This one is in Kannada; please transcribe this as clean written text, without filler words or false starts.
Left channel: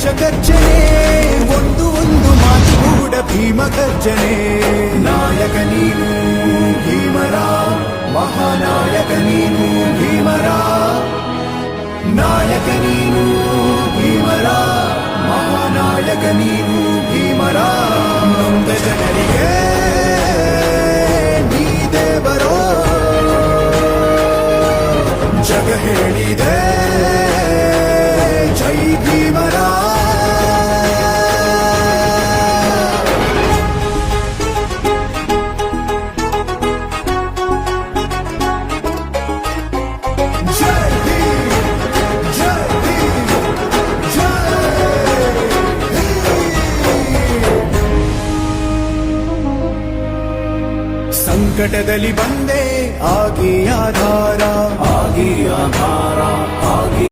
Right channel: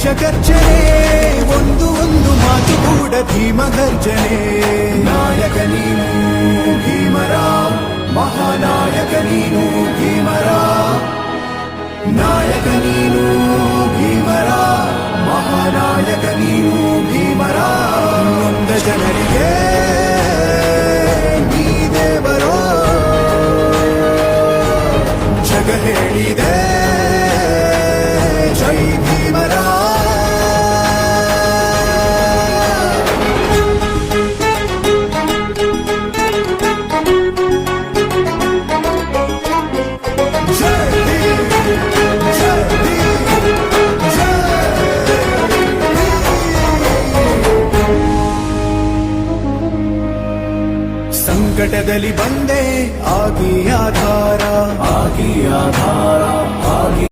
ದೇಶ ಗರ್ಜನೆ ಒಂದು ಒಂದು ಮಾತು ಕೂಡ ಭೀಮ ಗರ್ಜನೆ ನಾಯಕ ನೀನು ಭೀಮರ ಮಹಾನಾಯಕ ನೀನು ಭೀಮರ ನಾಯಕ ನೀನು ಭೀಮರ ಮಹಾನಾಯಕ ನೀನು ಭೀಮರ ನೊಂದ ಜನರಿಗೆ ನೀ ದೇವರೋ ಜಗ ಹೇಳಿದೆ ಜೈ ಭೀಮರ ಸಂಕಟದಲ್ಲಿ ಬಂದೆ ಆಗಿ ಆಧಾರ